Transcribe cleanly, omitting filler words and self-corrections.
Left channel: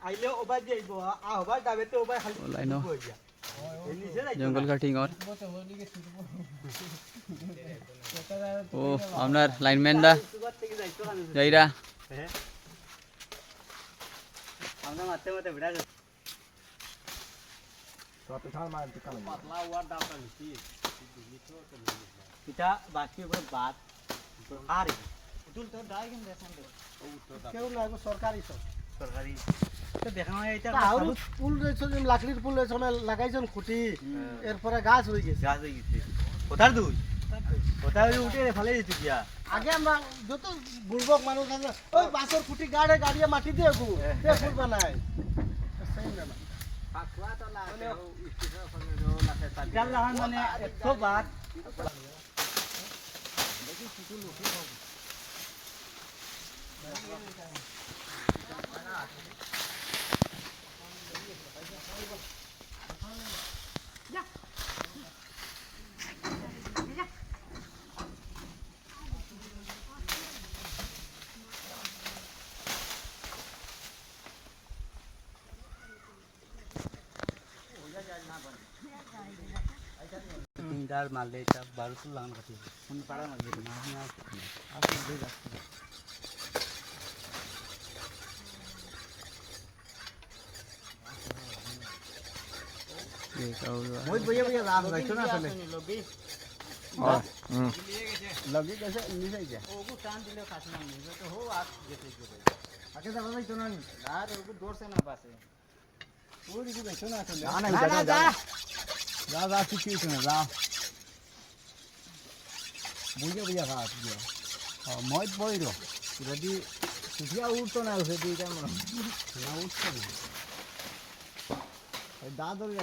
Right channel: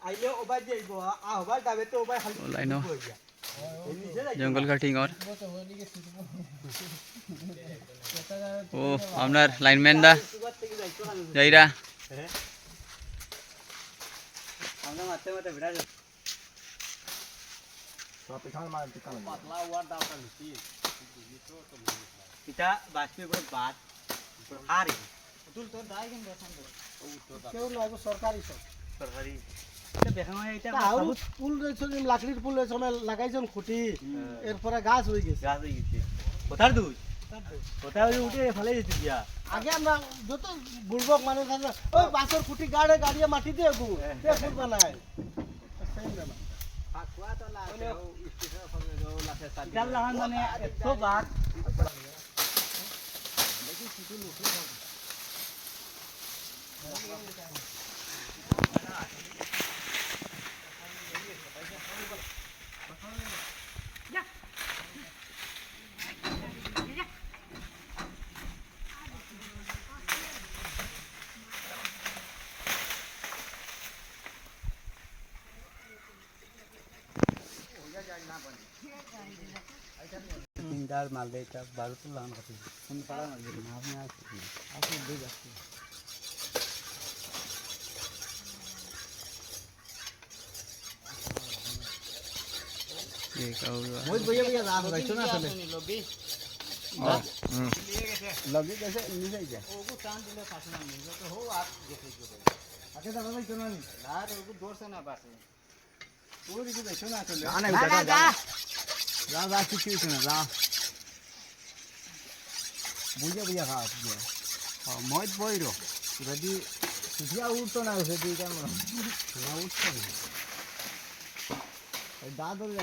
आइले ओबा जेइबो आ होबा डाबे तो ओबा खाली लाइनो जंगल कटिंग और ओ আপনার লাইনম্যান দা যাইরা আমরা মারতে মারতে ভিড়া যাচ্ছে তো খাল মার দোকানে পাতলা ওয়ার দাওটা নিছি এটা বাকি করে বাদ আরে তুল তো দাই কেন দেখুন কেউ লাগবে সরকারি সব সরকারি তো দেখানো এটা আর ফুল রয়েছে লাকড়ির ফুল রয়েছে লাগাইছেন খুঁটি এরপরে গাছ হয়ে গেছে কোথার দুই কোথায় উঠে ফেলে দিতে দিয়া আগে আমরা যত বুড়বক মানুষ আছে ওই বাসের খুঁটি গাড়ে গাড়িয়ে মাটি দিয়ে গু তে ফুল বানায় সেম না পাকওয়া তো লাগে ও স্টিফা ফলে লাগে সাল ডাল লাগান মানে 100 বার দেখি ফুল উঠে তিনটার মালে এটা 12 তো লাগান কাটি কোন পাড়া না দেখি না আপনি দুই যাচ্ছে एक और बहुत बढ़िया बढ़िया लाभ है सुना सुने लबी लबी कैसे नीचे जा ओको टान दिले खासना नहीं तो हो आप जैसे जो आगे तो नहीं सुना नहीं यार ओको दूर से ना बात है वो भी देखो ना सुन ना नहीं जा जा किसी से जा बुझे बुझे खा दिया हां मौज बोइरो यदि सुधिया उठतो ना उसे दी क्या ना उठतो दादर